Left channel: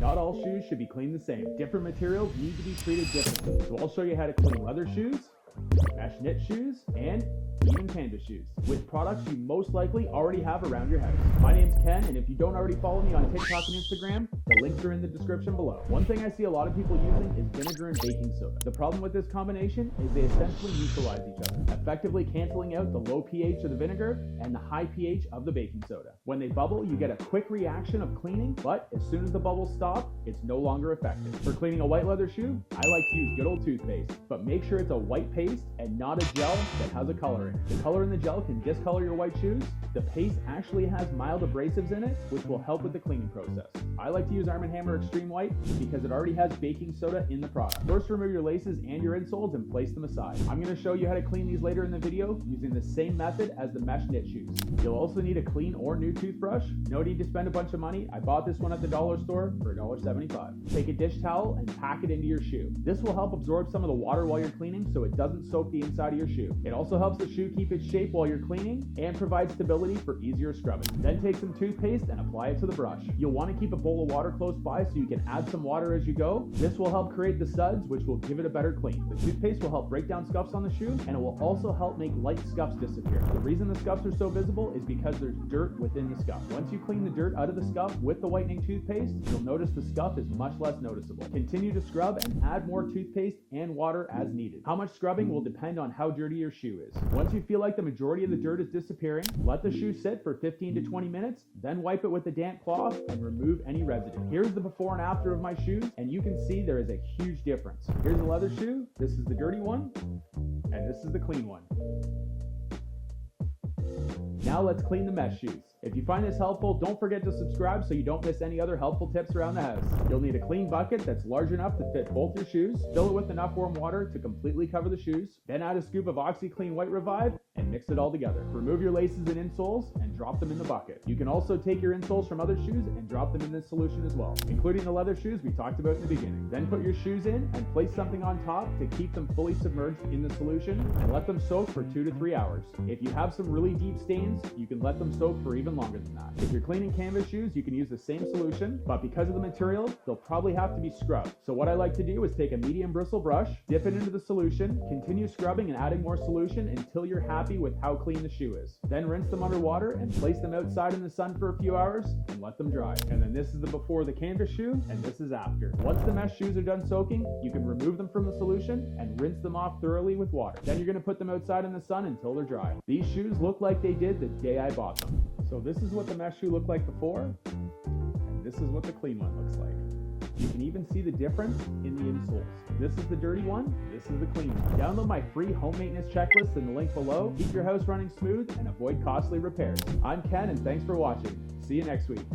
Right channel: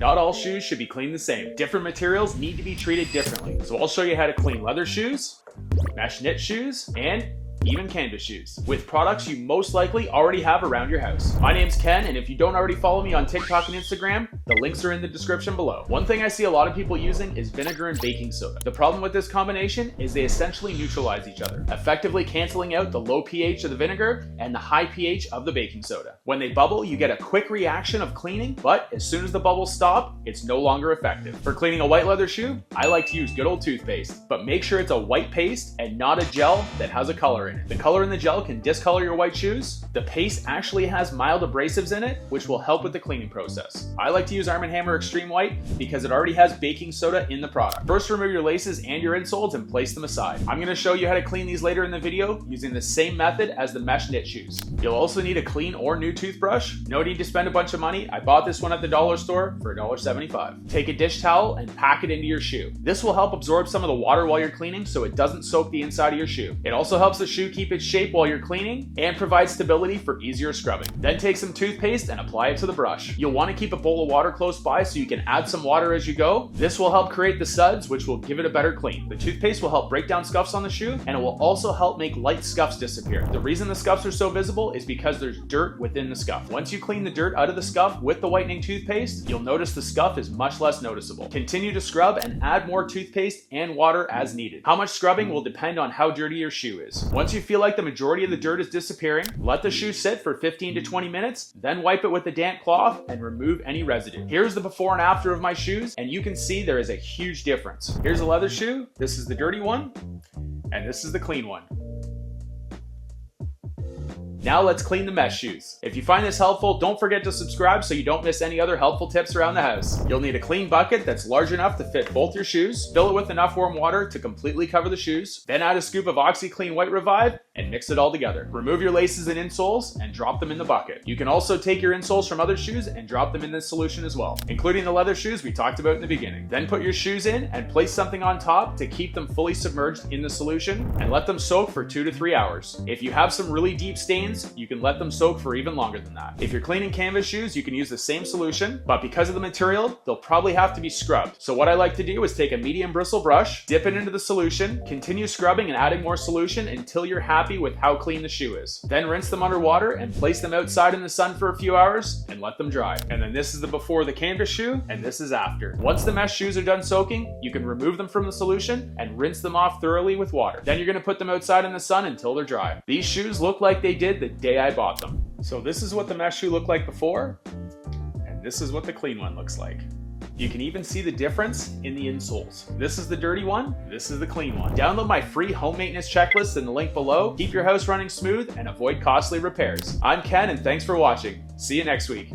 Not all shoes should be cleaned the same. Different materials need to be treated differently. So I'll show you how to clean leather shoes, mesh knit shoes, and even canvas shoes with products you most likely already have around your house. My name's Ken, and if you don't already follow me on TikTok and Instagram, the links are in the description below. One thing I see a lot of people using is vinegar and baking soda. The problem with this combination is they essentially neutralize each other, effectively canceling out the low pH of the vinegar and the high pH of the baking soda. When they bubble, you get a quick reaction of cleaning, but as soon as the bubbles stop, it's no longer effective. For cleaning a white leather shoe, I like to use good old toothpaste, but make sure it's a white paste and not a gel that has a color in it. The color in the gel can discolor your white shoes. The paste actually has mild abrasives in it, which will help with the cleaning process. I like to use Arm & Hammer Extreme White because it already has baking soda in the product. First, remove your laces and your insoles and place them aside. I'm going to show you how to clean these later in the video using the same method as the mesh knit shoes. You'll also need a clean or new toothbrush. No need to spend a bunch of money. I bought this one at the dollar store for $1.75. Take a dish towel and pack it into your shoe. This will help absorb some of the water while you're cleaning so it doesn't soak the inside of your shoe. It also helps the shoe keep its shape while you're cleaning and provides stability for easier scrubbing. Then take some toothpaste and apply it to the brush. You'll want to keep a bowl of water close by so you can add some water as you go. This will help create the suds, which will give it a better clean. The toothpaste will help break down scuffs on the shoe, and it will also help make light scuffs disappear. The reason the scuffs are so visible is because there's dirt within the scuff. Once you clean the dirt out of the scuff with the whitening toothpaste, you'll notice the scuff is much less noticeable. Continue to scrub and add more toothpaste and water as needed. How much scrubbing will depend on how dirty your shoe is. Once you feel like the majority of the dirt is disappearing, let the shoe sit for 15 to 20 minutes, then wipe it with a damp cloth and remove any residue. Here's the before and after of my shoes, and you can see there is a huge difference. Here's a leather shoe, this is the dirty one, and this is the clean one. Now let's clean the mesh shoes. If you find this helpful, don't forget to subscribe so you don't miss any other helpful tips around the house. You'll need a clean bucket that's large enough to fit both your shoes. Fill it with enough warm water to completely cover the shoes. Then add a scoop of OxiClean White Revive and mix it all together. Remove your laces and insoles and drop them in the bucket. You can also take your insoles from other shoes and drop them in this solution as well, including the leather shoes we talked about in the beginning. Then put your shoes in and place something on top to keep them fully submerged in the solution and let them soak for 2 to 3 hours. If you have some really deep stains, you can let them soak for even longer than that. If you're cleaning canvas shoes, you can use the same solution, but because of the material, they'll probably have to be scrubbed. So what I like to do is take a medium bristle brush, dip it into the solution, continue scrubbing and adding more solution until you're happy with how clean the shoe is. Then rinse them under water and place them outside in the sun for a few hours and let them dry. And then this is the before the canvas shoe, and this is after. Once the mesh shoes are done soaking, you can remove them from the solution and rinse them off thoroughly with water. Then you're going to put them outside in the sun until they're dry. These shoes look like they did the day I bought them. So this is what the mesh shoe looked like before, and this is what the clean one looks like. You can even see the difference in the insoles. This is the dirty one, this is the clean one. Download my free home maintenance checklist in the link below. Keep your house running smooth and avoid costly repairs. I'm Ken, and thanks for watching. See you next week.